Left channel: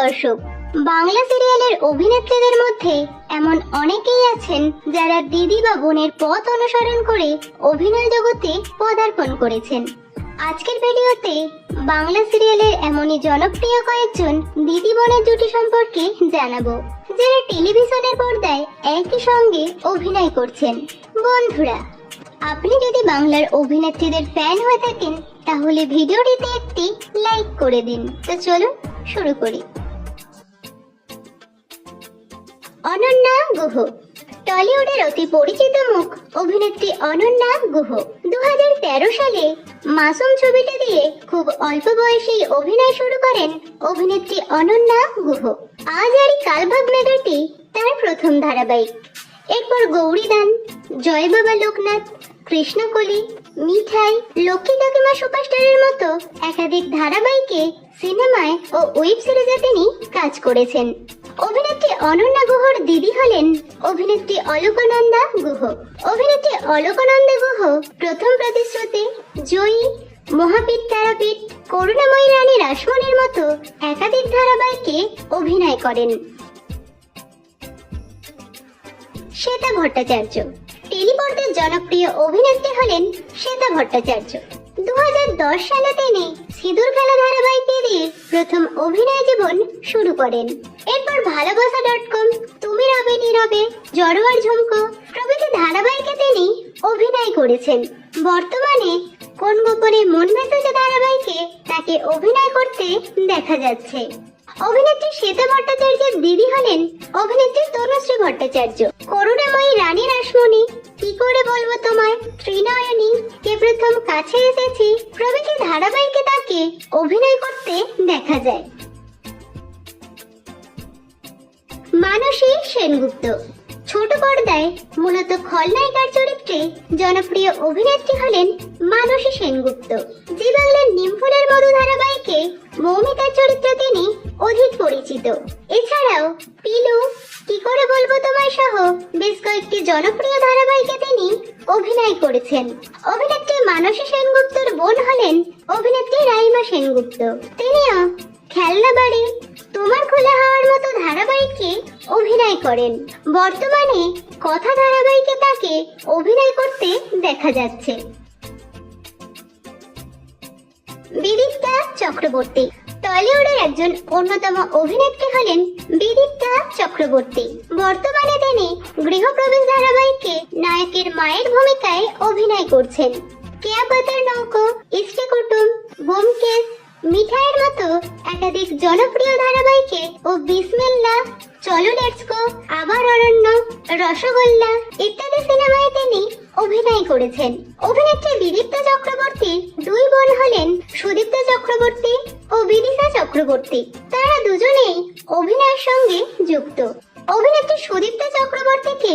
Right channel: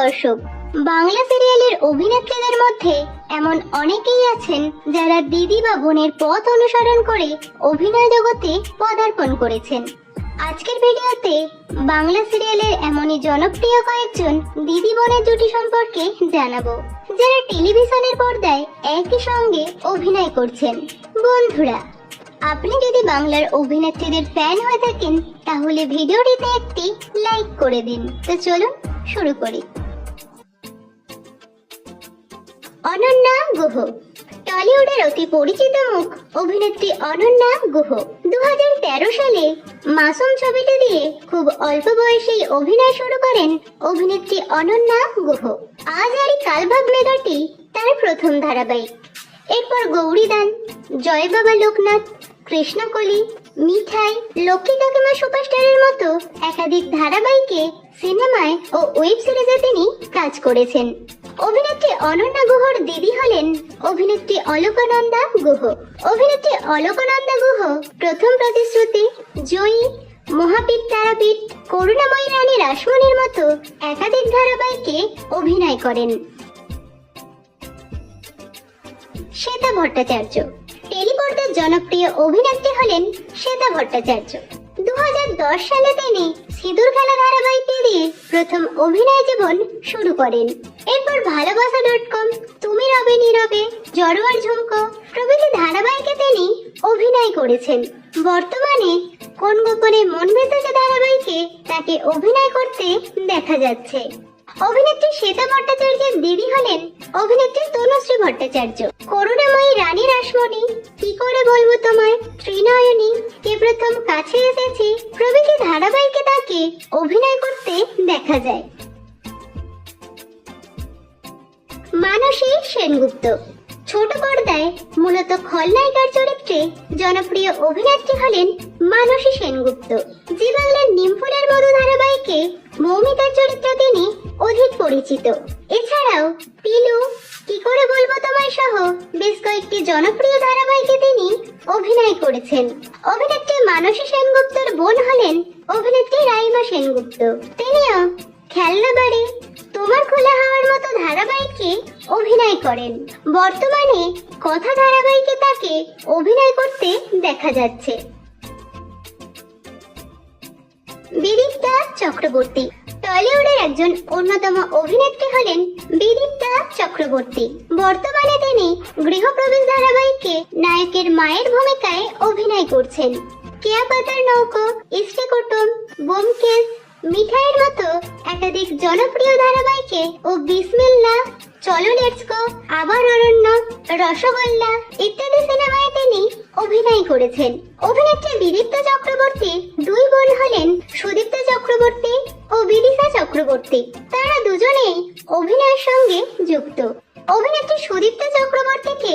দর্শক, বাংলা সিরিয়ালের অভিনেত্রীদের মধ্যে এমন অনেকেই আছেন যারা দিদি বা বোনের পথ অনুসরণ করে অভিনয় জগতে পদার্পণ করেছেন। আজকের ভিডিওতে বাংলা সিরিয়ালের এমনই জনপ্রিয় কয়েকজন দিদি বোনের জুটি সম্পর্কে জানাবো, যারা টেলিভিশনের পর্দায় একই সঙ্গে অভিনয় করছেন। বন্ধুরা, আপনি যদি বাংলার অভিনেত্রীদের ফ্যান হয়ে থাকেন তাহলে ভিডিওটিতে একটি লাইক করে দিন। তো চলুন শুরু করি। অনন্যা গুহ। টলিউডের অতি পরিচিত মুখ অভিনেত্রী অনন্যা গুহ 2013 সালে মাসুম ছবিটি দিয়ে খুব অল্প বয়সেই অভিনয় শুরু করেন অভিনেত্রী অনন্যা গুহ। আজ আর কালভাগ মেধাটি তার প্রথম ধারাবাহিক। এরপর গৌরীদান, জয় বাবা লোকনাথ, কৃষ্ণকলি, মিঠাই, লক্ষ্মী কাকিমা সুপারস্টারের মতো একাধিক ধারাবাহিকে, সিনেমায় ও ওয়েব সিরিজে তিনি কাজ করেছেন। অভিনেত্রী অনন্যা গুহর দিদি হলেন অভিনেত্রী অলকানন্দা গুহ। অভিনেত্রী অলকানন্দা গুহ প্রথম প্রতিশ্রুতি, জয়ী, মহাপীঠ তারাপীঠ, করুণাময়ী রানী রাসমণির মতো একাধিক ধারাবাহিকে অভিনয় করেন। শ্বেতা ভট্টাচার্য। টেলিপর্দার জনপ্রিয় অভিনেত্রী হলেন শ্বেতা ভট্টাচার্য। 2010 সালে তিনি সিঁদুর খেলা ধারাবাহিকে দিয়ে প্রথম অভিনয় জীবন শুরু করেন। এরপর ভালোবাসা.com, তুমি রবে নীরবে, জড়োয়ার ঝুমকো প্রভৃতি ধারাবাহিকে তিনি অভিনয় করেছেন। বর্তমানে কোন গোপনে মন ভেসেছে ধারাবাহিকে তাকে অভিনয় করতে দেখা যাচ্ছে। অভিনেত্রী শ্বেতা ভট্টাচার্যের দিদি হলেন অভিনেত্রী তনুশ্রী ভট্টাচার্য। করুণাময়ী রানী রাসমণি, কি করে বলবো তোমায়, ত্রিনয়নী, কে প্রথম কাছে এসেছি প্রভৃতি ধারাবাহিকে তাকে অভিনয় করতে দেখা যায়। মানসী সেনগুপ্ত। ছোট পর্দায় মূলত খলনায়িকার চরিত্রে জনপ্রিয় অভিনেত্রী হলেন মানসী সেনগুপ্ত। জি বাংলার নিমফুলের মধু ধারাবাহিকে মৌমিতার চরিত্রে তিনি অধিক পরিচিত। এছাড়াও পিলু, কি করে বলবো তোমায় সহ বেশ কয়েকটি জনপ্রিয় ধারাবাহিকে তিনি অভিনয় করেছেন। অভিনেত্রী মানসী সেনগুপ্তর বোন হলেন অভিনেত্রী রাইমা সেনগুপ্ত। তিনিও খেলনা বাড়ি, তোমার খোলা হাওয়ার মতো ধারাবাহিকে অভিনয় করেন। বর্তমানে কথা ধারাবাহিকে তাকে অভিনয় করতে দেখা যাচ্ছে। বিদীপ্তা চক্রবর্তী। টলিউডের একজন অন্যতম অভিনেত্রী হলেন বিদীপ্তা চক্রবর্তী। বর্তমানে তিনি গৃহপ্রবেশ ধারাবাহিকে নায়কের মায়ের ভূমিকায় অভিনয় করছেন। কেয়া পাতার নৌকো, ইষ্টি কুটুম, ব্যোমকেশ, মিঠাইয়ের মতো একাধিক জনপ্রিয় ধারাবাহিকে ও বিসমিল্লা, চলো লেটস গো, আবার অরণ্য, রসগোল্লা ইত্যাদি সিনেমায় তিনি অভিনয় করেছেন। অভিনেত্রী বিদীপ্তা চক্রবর্তী দুই বোন হলেন সুদীপ্তা চক্রবর্তী ও বিদিশা চক্রবর্তী। তারা দুজনেই অভিনয়ের সঙ্গে যুক্ত। অভিনেত্রী সুদীপ্তা চক্রবর্তীকে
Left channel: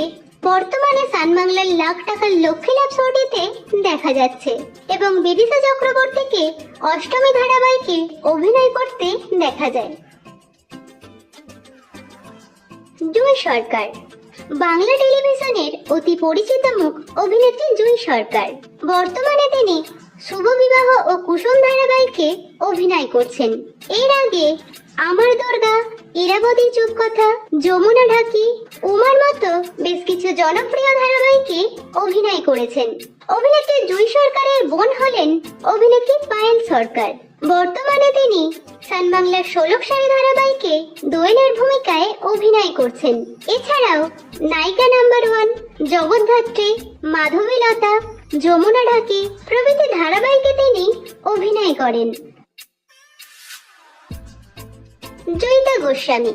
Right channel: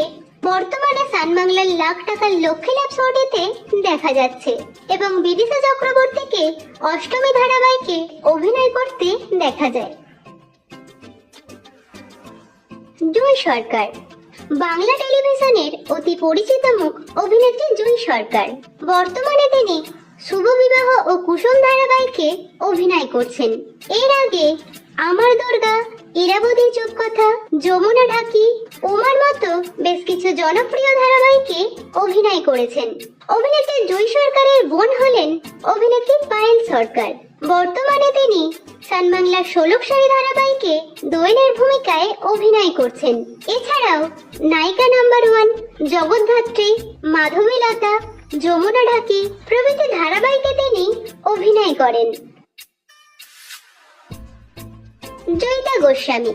বর্তমানে সান বাংলার লাখ টাকার লক্ষ্মী লাভ শোটিতে দেখা যাচ্ছে এবং বিদিশা চক্রবর্তীকে অষ্টমী ধারাবাহিকে অভিনয় করতে দেখা যায়। জুঁই সরকার। বাংলা টেলিভিশনের অতি পরিচিত মুখ অভিনেত্রী জুঁই সরকার। বর্তমানে তিনি শুভ বিবাহ ও কুসুম ধারাবাহিকে অভিনয় করছেন। এর আগে আমার দুর্গা, ইরাবতী চুপ কথা, যমুনা ঢাকি, উমার মতো বেশ কিছু জনপ্রিয় ধারাবাহিকে অভিনয় করেছেন। অভিনেত্রী জুঁই সরকারের বোন হলেন অভিনেত্রী পায়েল সরকার। বর্তমানে তিনি সান বাংলার ষোলকশাহী ধারাবাহিকে দোয়েলের ভূমিকায় অভিনয় করছেন। এছাড়াও নায়িকা নাম্বার 1, জগদ্ধাত্রী, মাধবীলতা, যমুনা ঢাকি প্রভৃতি ধারাবাহিকে তিনি অভিনয় করেন। জয়িতা গোস্বামী।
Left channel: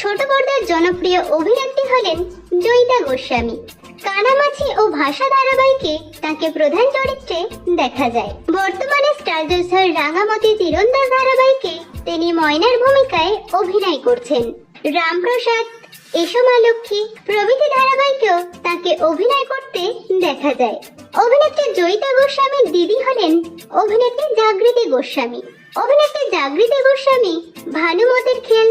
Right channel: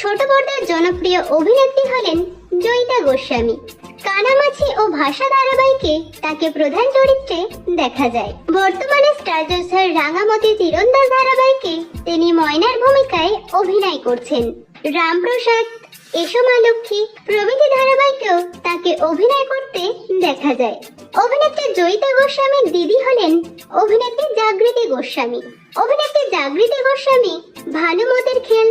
ছোট পর্দার জনপ্রিয় অভিনেত্রী হলেন জয়িতা গোস্বামী। কানামাছি ও ভাষা ধারাবাহিকে তাকে প্রধান চরিত্রে দেখা যায়। বর্তমানে স্টার জলসার রাঙামতি তীরন্দাজ ধারাবাহিকে তিনি ময়নার ভূমিকায় অভিনয় করছেন। রামপ্রসাদ, এসো মা লক্ষ্মী প্রভৃতি ধারাবাহিকেও তাকে অভিনয় করতে দেখা যায়। অভিনেত্রী জয়িতা গোস্বামীর দিদি হলেন অভিনেত্রী জাগৃতি গোস্বামী। অভিনেত্রী জাগৃতি গোস্বামী ভানুমতির খেল,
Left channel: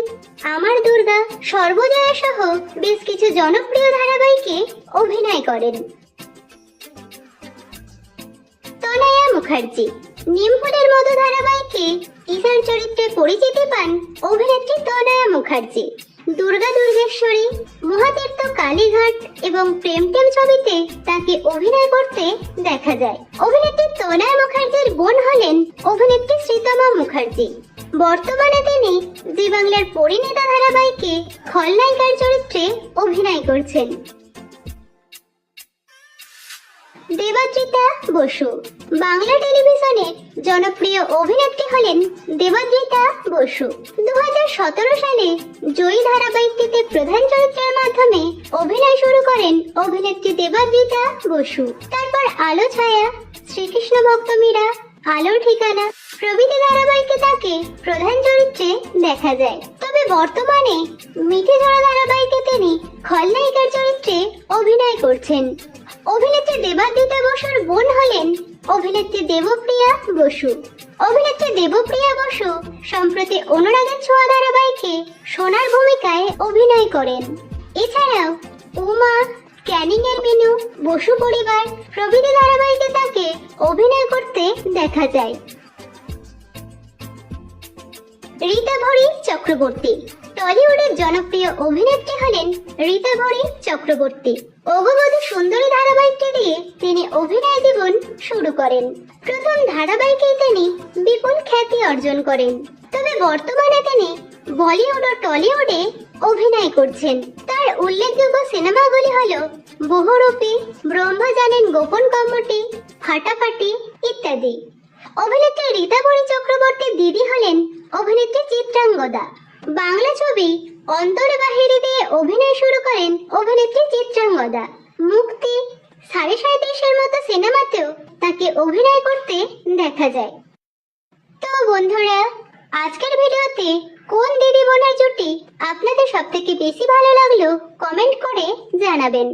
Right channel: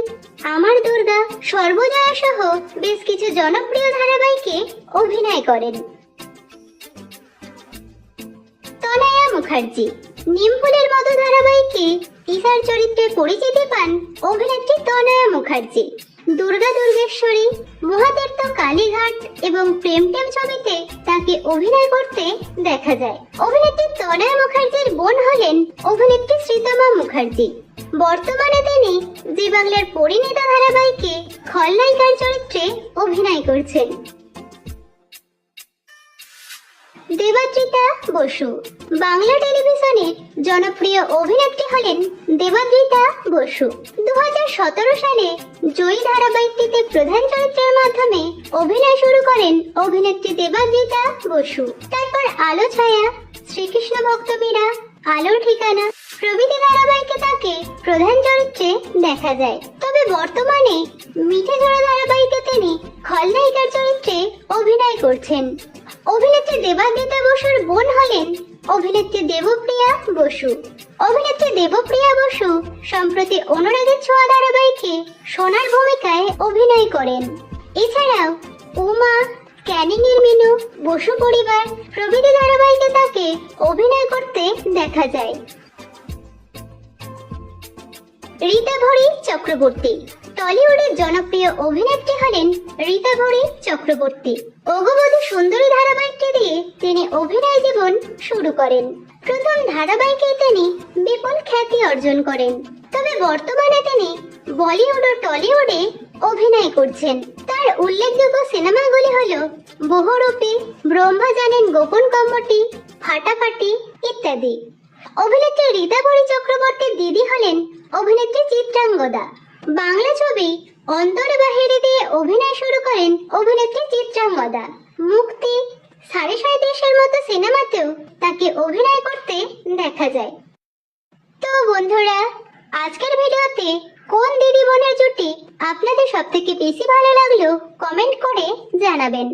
আমার দুর্গা, সর্বজয়া সহ বেশ কিছু জনপ্রিয় ধারাবাহিকে অভিনয় করেন। তনয়া মুখার্জি। নিমফুলের মতো ধারাবাহিকে ঈশার চরিত্রে পরিচিতি পান অভিনেত্রী তনয়া মুখার্জি। দুর্গা দুর্গেশ্বরী, মহাতীর্থ কালীঘাট এবং প্রেম টেম ছবিতে তাকে অভিনয় করতে দেখা যায়। অভিনেত্রী তনয়া মুখার্জির বোন হলেন অভিনেত্রী শ্রীতমা মুখার্জি। বর্তমানে তিনি জি বাংলার পরিণীতা ধারাবাহিকে খলনায়িকার চরিত্রে অভিনয় করছেন। দেবাদ্রিতা বসু বাংলা টেলিভিশনের জনপ্রিয় অভিনেত্রী হলেন দেবাদ্রিতা বসু। 2017 সালে জয়ী ধারাবাহিকটিতে প্রধান চরিত্রের মাধ্যমে অভিনয় শুরু করেন অভিনেত্রী দেবাদ্রিতা বসু। তারপর আলো ছায়া, শ্রীকৃষ্ণ ভক্ত মীরা, আলোর ঠিকানা প্রভৃতি ধারাবাহিকে তাকে প্রধান চরিত্রে দেখা যায়। তবে বর্তমানে মিঠে ঝোড়ো ধারাবাহিকে তিনি খলনায়িকার চরিত্রে অভিনয় করছেন। অভিনেত্রী দেবাদ্রিতা বসুর বোন হলেন অভিনেত্রী দেবপ্রিয়া বসু। অভিনেত্রী দেবপ্রিয়া বসু সম্প্রতি অনুরাগের ছোঁয়া ধারাবাহিকে সোনার ভূমিকায় অভিনয় করেন। এছাড়াও উমা, ক্যানিং এর মিনু, বসু পরিবার প্রভৃতি ধারাবাহিকে তাকে অভিনয় করতে দেখা যায়। রীতাভরি চক্রবর্তী টলিউডের জনপ্রিয় অভিনেত্রী হলেন রীতাভরি চক্রবর্তী। অগবধূ সুন্দরী ধারাবাহিকটি দিয়ে তিনি অভিনয় জীবন শুরু করেন। প্রথম ধারাবাহিকেই তিনি বিপুল খ্যাতি অর্জন করেন। তবে বর্তমানে তিনি বলিউড ও টলিউডে অভিনয় করছেন। তার উল্লেখযোগ্য সিনেমাগুলি হলো বহুরূপী, ব্রহ্মা জানেন গোপন কম্মটি, ফাটাফাটি ইত্যাদি। অভিনেত্রী রীতাভরি চক্রবর্তীর দিদি হলেন অভিনেত্রী চিত্রাঙ্গদা। বাংলা ছবি অন্তরে বাহিরে দিয়ে অভিনয় শুরু করেন অভিনেত্রী চিত্রাঙ্গদা। মুক্তি, 37.5-এর মতো সিনেমাতেও তাকে অভিনয় করতে দেখা যায়। তো বন্ধুরা, আজকের ভিডিওতে কোন দিদি বোনের জুটি আপনাদের সবথেকে বেশি ভালো লাগলো কমেন্ট করে জানাবেন।